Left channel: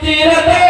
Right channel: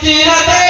滴答滴。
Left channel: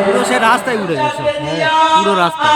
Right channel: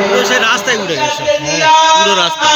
রাস্তায় উড়ে গেছে। হ্যাঁ পুরো রাস্তা।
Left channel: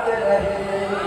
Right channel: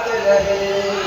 गाते रहे।